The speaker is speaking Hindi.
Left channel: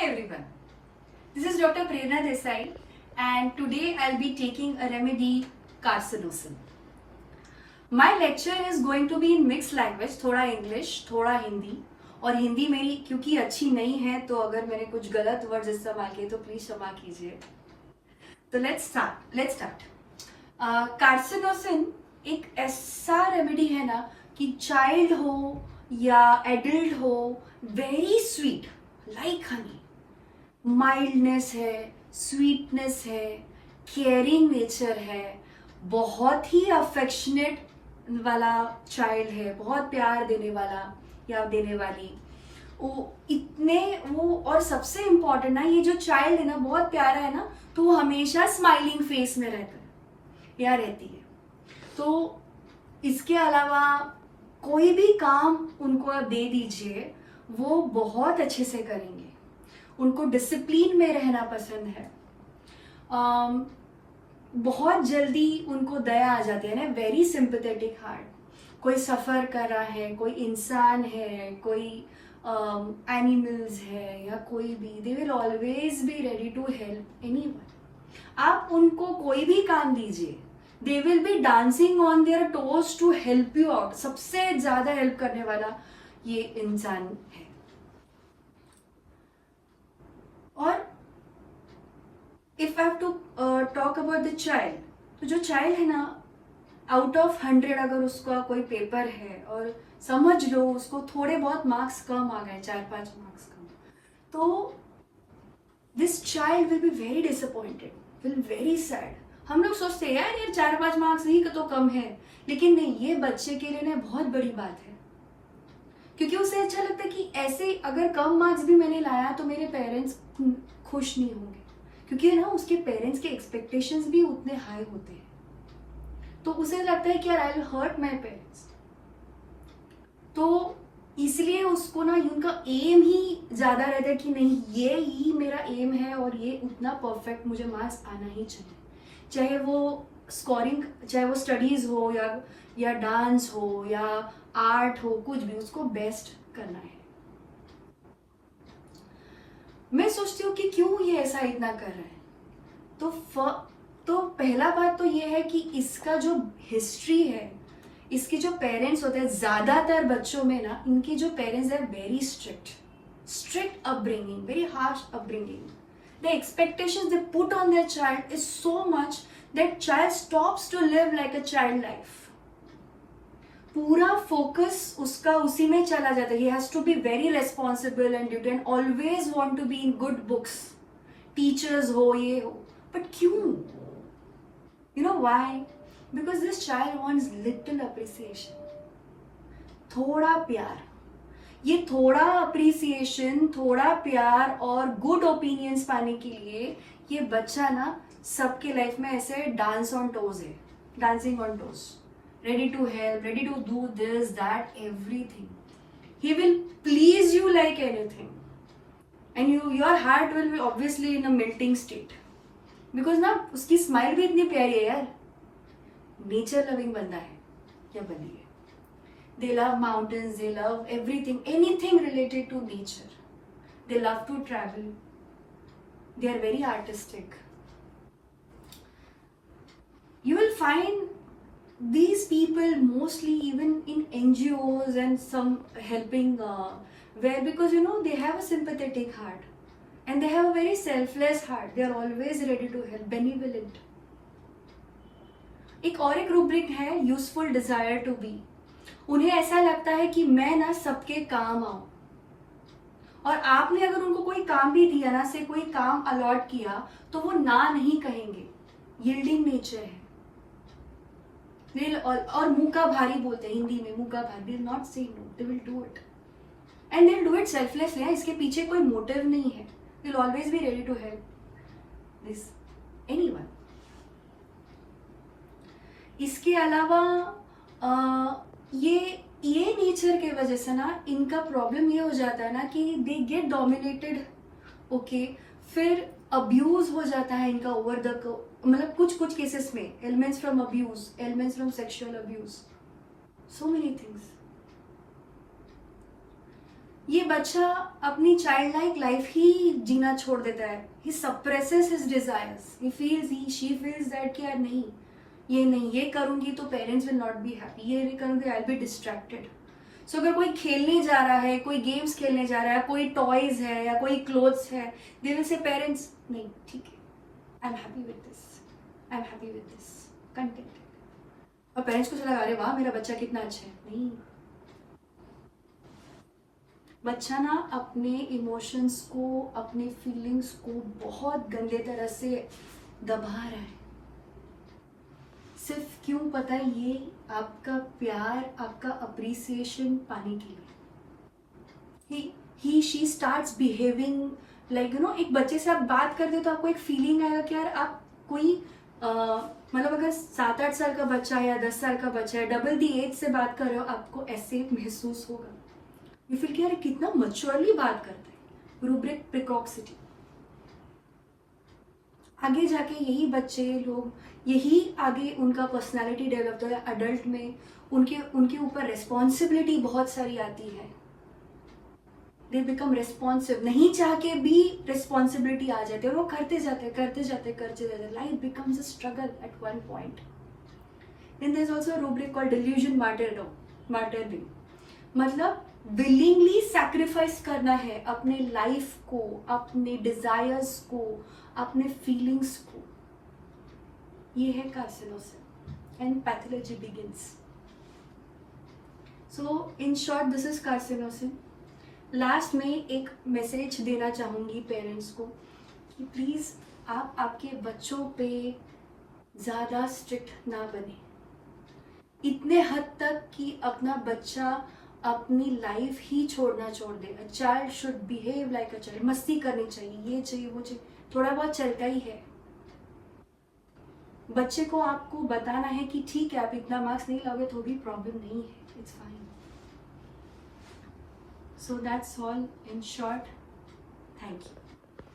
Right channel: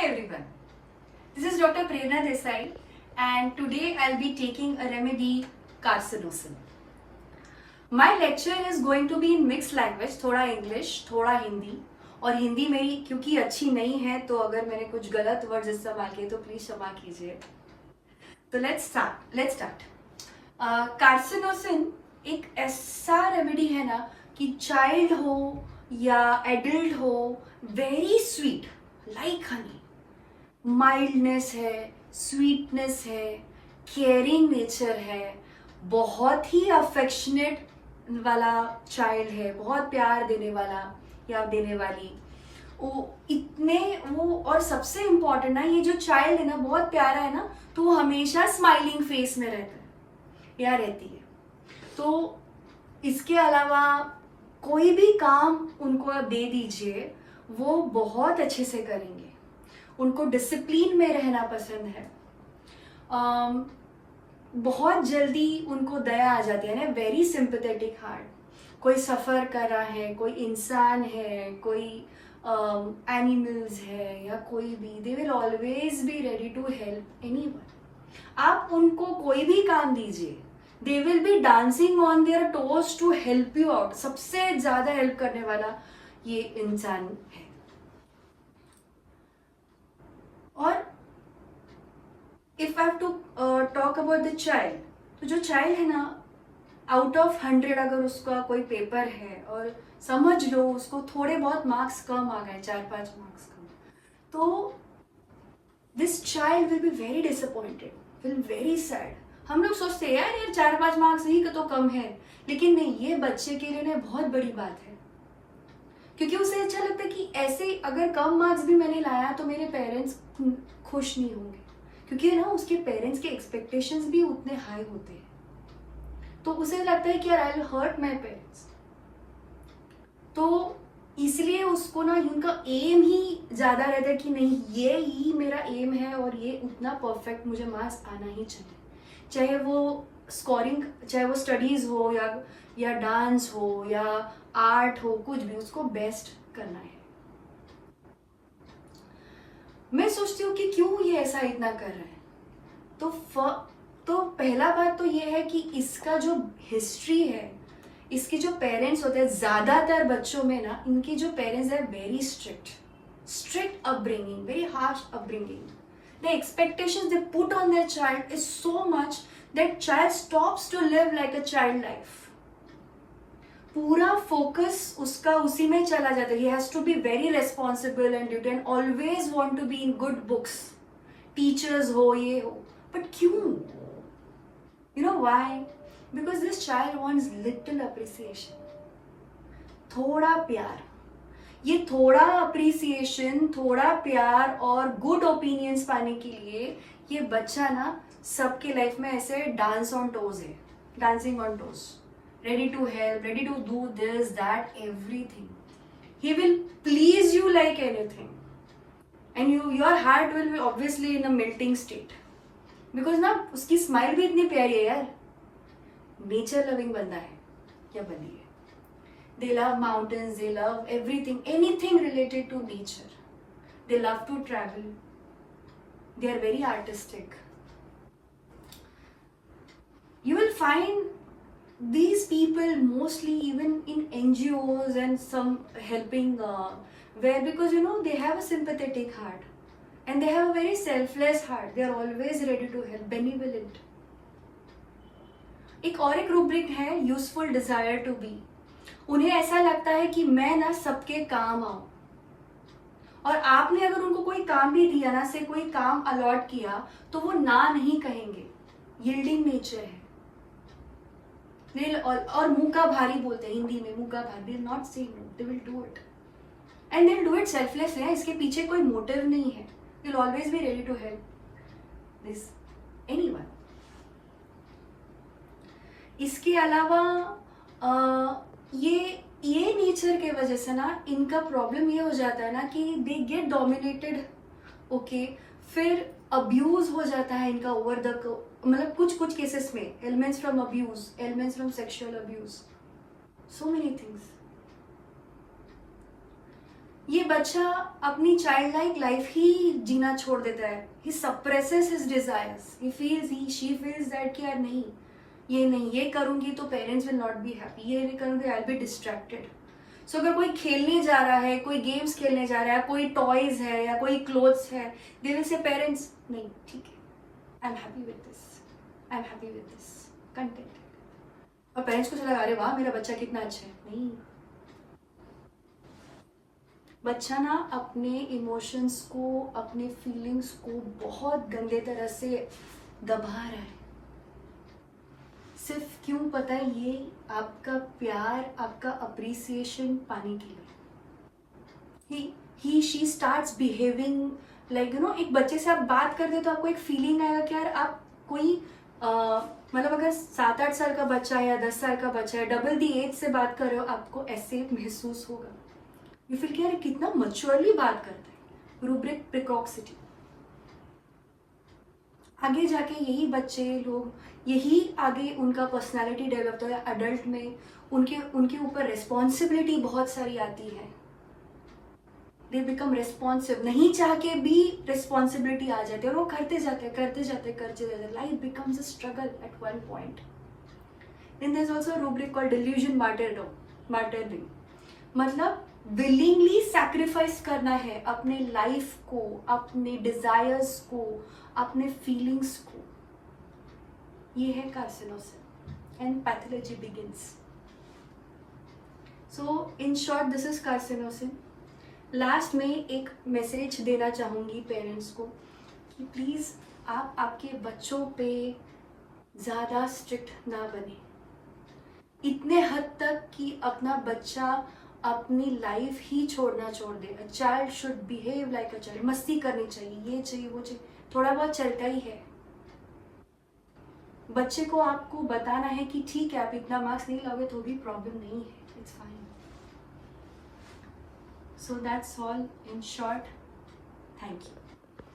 Hi everyone, this is Dr. Prerna Desai and today I'll be taking a remedy carcinosin. My lecture is going to be in mixed language, थोड़ा इंग्लिश थोड़ा हिंदी, और हिंदी मेरी क्योंकि अच्छी नहीं है तो अगर मैंने कुछ गलत वर्ड इस्तेमाल किए तो प्लीज क्षमा कीजिए. तो लेट्स स्टार्ट. कार्सिनोसिन एक ऐसा रेमेडी है ना कि चाइल्ड हो या एडल्ट हो, very sweet like Honey, mildness है, स्वीटनेस है, केयरिंग नेचर है, बहुत ही अफेक्शनेट वाला चाइल्ड है, बहुत प्यार देने वाला या देने वाली, वो और सबसे इम्पोर्टेंट ना, ये जो चाइल्ड है ना बहुत प्यारा है ना, तो वो हमेशा स्माइलिंग फेस में रहता है या रहती है. तो इसके अलावा कोई भी काम उनको दे दीजिए, वो बहुत अच्छे से करेंगे. उनको डिसिप्लिन में रहना पसंद है. बहुत जल्दी उनको दया आ जाती है ना, वेरी सिंपैथेटिक हार्ट. कोई सफर कर रहा है, कोई इंसान है, कोई एनिमल्स है या कोई भी, they will always be ready to help anyone. आप उनको कोई भी काम दीजिए, they will be dancing on their toes to help you out. सबसे ज्यादा हेल्प करने वाला ये इंसान है. और if I have to talk about the child, तो जो चाइल्ड है ना, आउट ऑफ 100 अगर उसका कोई पेपर है और समझ लो उसको थोड़े बहुत मार्क्स कम आ गए, 4-5 मार्क्स कम, तो this child will be very disappointed, will very sad. हम लोग सोचते हैं यार ये 4-5 मार्क्स ही तो कम है, लेकिन नहीं, ये बच्चे के लिए बहुत बड़ी बात है. क्योंकि उसे अच्छा लगता है कि ऐसे अगर कम मार्क्स भी मैंने लाया तो मेरे पेरेंट्स खुश नहीं होंगे, क्योंकि ना उसके पेरेंट्स के एक्सपेक्टेशंस भी उतने हाई होते हैं. तो उसे लगता है कि यार I will hurt my parents. तो इसलिए उसको ना उनका एम ही ज्यादा रहता है कि नहीं, ये ही मेरा एम है और ये उतना परफेक्ट मुझे मार्क्स आना ही चाहिए. चाहे वो स्कोरिंग, चाहे वो स्टडीज हो या डांस हो या आर्ट हो, कुछ भी, उसको बेस्ट करना है. मैं सोचती हूँ कि क्यों ये ऐसा इतना कर रहे हैं. तो पहला बात तो ये है कि इसका जो हिस्ट्री है, इसके जो पेरेंट्स होते हैं, ज्यादातर बच्चों में ना इनके जो पेरेंट्स हैं very strict upbringing, very harsh upbringing. The expectations they put on their child is so much that child stops to live like a child life. पूरा फोकस उसका उसी में चला जाता है. He has to be very responsible and you can always want to be in good books. Teachers हो, ये हो, but क्यों? You know why? Because this child wants little appreciation. थोड़ा प्यार. ये थोड़ा अप्रिसिएशन, थोड़ा प्यार और गुड ओपिनियंस पाने के लिए ये बच्चा ना सबके लाइफ में ऐसे डांस ऑन टोज है, dancing on toes, ready to help, ready to do this that everything. He will please you like anything and your heart will be obviously in a melting state, because ना उसकी स्माइल भी इतनी प्यारी है यार. नेचर लविंग बंदा है या बंदी है. They love mountains, they love everything, anything related to nature. They love to travel. They are very artistic. You will find these people mostly even in NGOs and some helping where, because you know they have a sympathetic heart and they have a very selfless heart. They are always ready to help, benevolent. एक और एक रूब्रिक है यूजफुल डिजायर टू बी. उन्हें ऐसा लगता है कि मैं ना सबके काम आऊं, और आपने अगर उनको कोई काम भी दिया ना, से कोई काम अलॉट किया, तो वो ना नहीं कहेंगे. यील्डिंग नेचर है. और मुंह का भारी बोलते हैं हिंदी में, मुंह का भारी, will not say no, they will do it and they will do it selflessly. इसके पीछे कोई मोटिव नहीं है. Will always be ready to help this anyone. इसके अलावा ये नेचर के वजह से ना इनका प्रॉब्लम ये हो जाता है ना कि दे गेट डोमिनेटेड. ओके, फिर अब्यूज हो जाता है इनका ओवर द, मतलब कुछ केसेस में elements from abuse, elements from sexual abuse, so many things. ये बच्चा अपनी चाइल्ड लाइक लाइफ ही जीना छोड़ देता है. He suppresses his desires. He feels she feels that कि यार नहीं, ये करूंगी तो parents will not be happy, ये नहीं करूंगी I will be distracted. So अगर कोई खेलने जा रहा है, कोई गेम्स खेलने जा रहा है, कोई टॉयज है या कोई क्लोथ्स है, दे विल से पेरेंट्स नहीं ठीक है, I am happy with this, I am happy with this, content. और पेरेंट्स को चला अरे वाह मेरा बच्चा कितना अच्छा है. नहीं, बच्चा ना अपने इमोशंस को, अपने फीलिंग्स को बहुत गंदे तरह से दबा रहा है. सिर्फ क्यों पता है? ये आपका प्यार, आपका अप्रिसिएशन पाने के लिए. ही शी स्टार्ट्स बिहेविंग लाइक एक बच्चे से आप बात करते हो तो आपको एक फीलिंग आएगा कि यार आप कोई मतलब अगर 7-8 साल का बच्चा है या 10 साल का बच्चा है, डबल दी एज से बात कर रहे हो, आपको ऐसे महसूस होगा. यू फील कि यार कितना मैच्योरली बात करते हैं. रूब्रिक प्रिकॉक्सिटी. आगे जाके यही बच्चे लोग, यही आगे उनका पर्सनालिटी डेवलप होता है. अडल्ट में उनके ऊपर रिस्पॉन्सिबिलिटी बहुत सारी आती है. They become responsive. नहीं चाह के भी रिस्पॉन्सिबिलिटी आ जाती है और वो करते जाते. Life becomes a struggle at one point. Then there is also rubric called delusion martyrdom. मतलब विलिंगली सैक्रिफाइस करना है अपने लाइफ को, अपने डिजायर्स को, अपने फीलिंग्स को. ये है carcinosin and pathology begins. So in short this is carcinosin. Last में एक मैसेज देना चाहूंगी पेरेंट्स को कि प्लीज आप आपके बच्चों पे ज्यादा स्ट्रिक्ट ना बने, इतने हद तक कि अपना बच्चा अपनी लाइफ ही छोड़ दे. A child should behave like a child. मस्ती करनी चाहिए, ये चाहिए वो चाहिए, थोड़ा बहुत चलता ही है. बच्चे को आपको बताना है कि ठीक है आप इतना मार्क्स नहीं लाओगे तो भी प्रॉब्लम नहीं है, it's fine. So that's all in short. Thank you.